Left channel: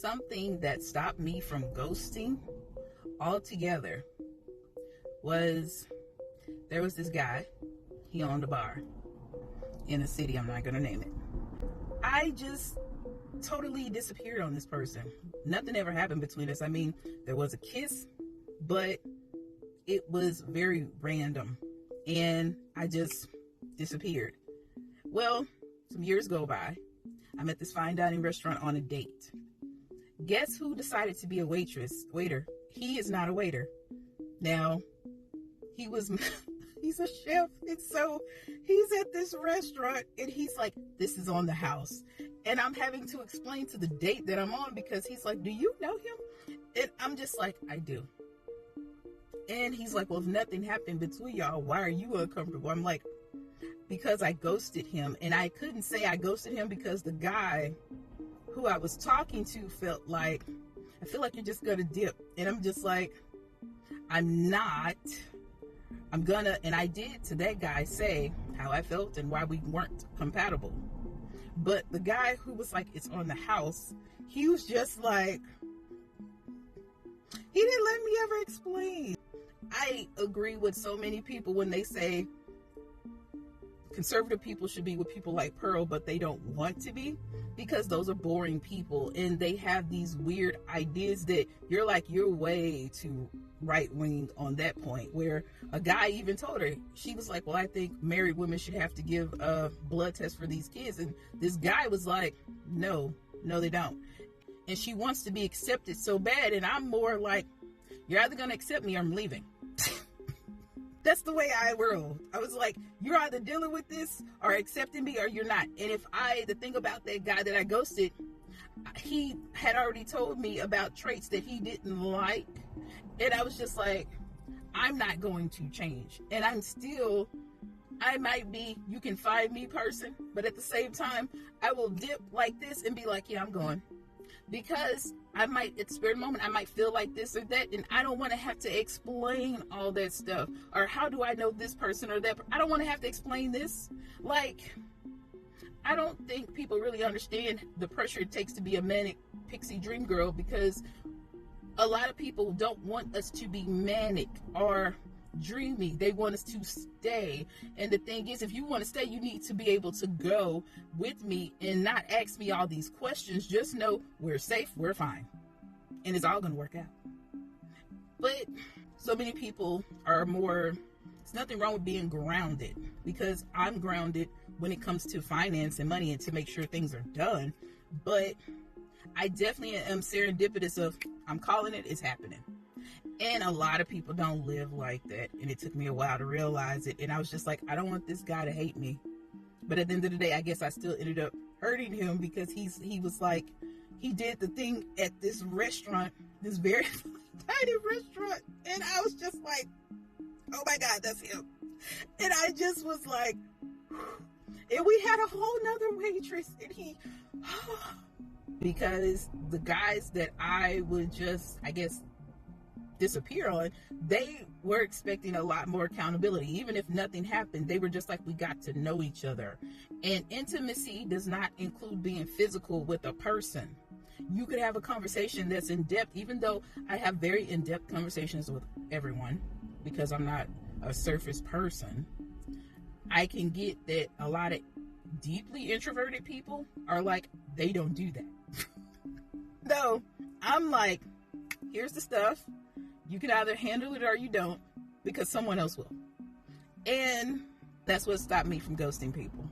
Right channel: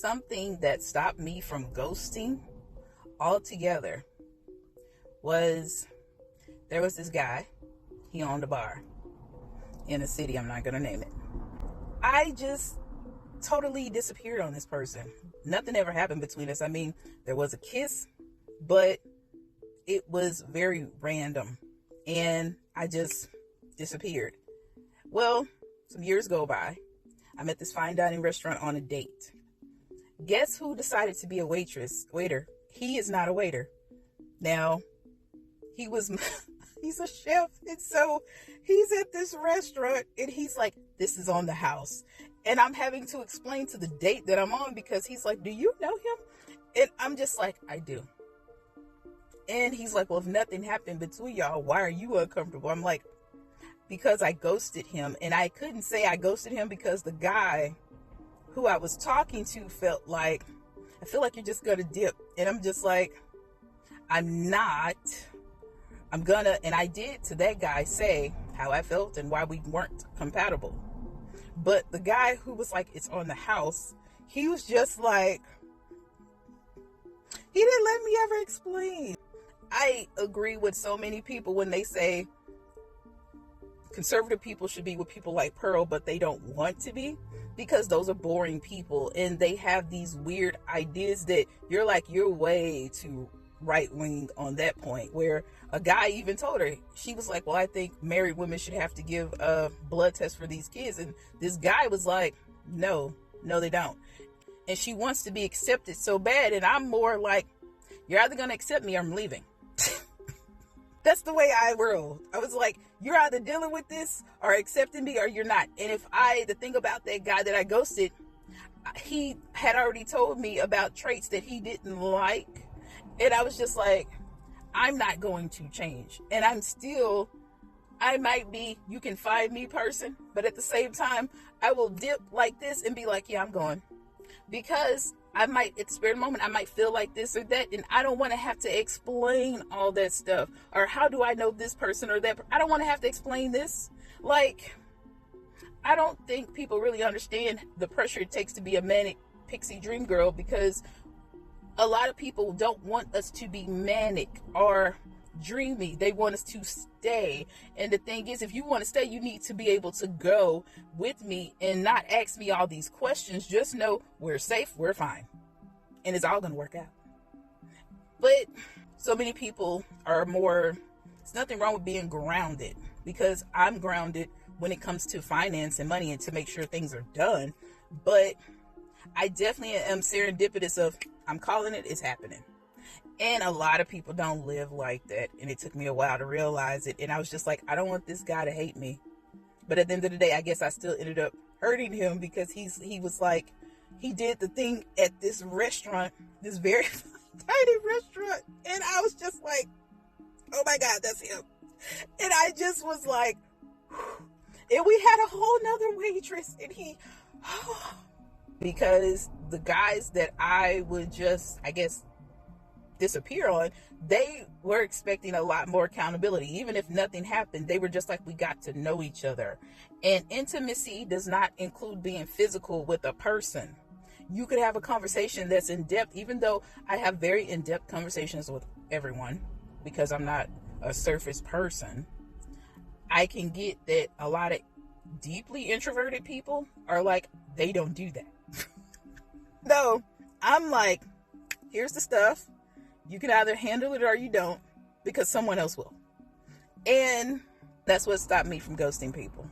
Something that stopped me from ghosting altogether was there was this guy. He owned a bar in a city. I'm not going to name it. I just totally disappeared on this person. Nothing ever happened between us. I mean, there was a kiss, but it was very random. And I just disappeared. Well, some years go by. I'm at this fine dining restaurant on a date. Guess who decided to be a waiter? He is not a waiter. Now, he's a chef. And so he's at this restaurant and he's like, this is on the house. And I'm having to explain to the date that I'm on because he's like, do you know him? And I'm just like, I do. And he's like, well, if nothing happened between y'all, why are you uncomfortable? I'm like, because I ghosted him. And I couldn't say I ghosted him because the guy who I was talking to felt like, I feel like you're just gonna dip. And I'm just like, I'm not. I'm gonna, and I did to that guy say how I felt and why we weren't compatible. But the guy who was like, it's on the house, he was just like, he didn't let me ever explain. I agree with so many people when they say conservative people should be with people like Pearl, but they don't want to be, because those are boring people and they have these weird ideas that you're like, you're way too right wing on that point, where a guy even told her, she was like, well, I think married women should have to give a blood test for these kids. And this guy was like, no, they don't. And she wants to be accepted so bad. And I'm more like, you're either going to accept me or I'm leaving. That's the way I rolled. I was like, you're either dealing with this or accepting me or you're not. And the thing about that guy that I ghosted, he had already told me about traits that he didn't like. And I was just like, I'm not going to change. And I might be, you can find me person, but at the same time, I will dip like this and be like, yeah, I'm going. Because I might experience a moment, I might feel like this or that, and I don't want to have to explain all that stuff. Or how do I know this person or that? I don't want to have to explain this. Like, I don't think people really understand the pressure it takes to be a manic pixie dream girl, because a lot of people don't want us to be manic or dreamy. They want us to stay. And the thing is, if you want to stay, you need to be able to go with me and not ask me all these questions. Just know we're safe, we're fine, and it's all going to work out. But so many people are more, there's nothing wrong with being grounded, because I'm grounded when it comes to finance and money and to make sure things are done. But I definitely am serendipitous of, I'm calling it, it's happening. And a lot of people don't live like that. And it took me a while to realize it. And I was just like, I don't want this guy to hate me. But at the end of the day, I guess I still ended up hurting him, because he was like, he did the thing at this restaurant, this very tiny restaurant. And I was just like, oh my God, that's him. And I just was like, and we had a whole nother waitress, and because the guys that I would just, I guess, disappear on, they were expecting a lot more accountability. Even if nothing happened, they were just like, we got to know each other. And intimacy does not include being physical with a person. You could have a conversation that's in depth, even though I have very in-depth conversations with everyone, because I'm not a surface person. I can get that a lot of deeply introverted people are like, they don't do that. No, I'm like, here's the stuff. You can either handle it or you don't, because someone else will. And that's what stopped me from ghosting people.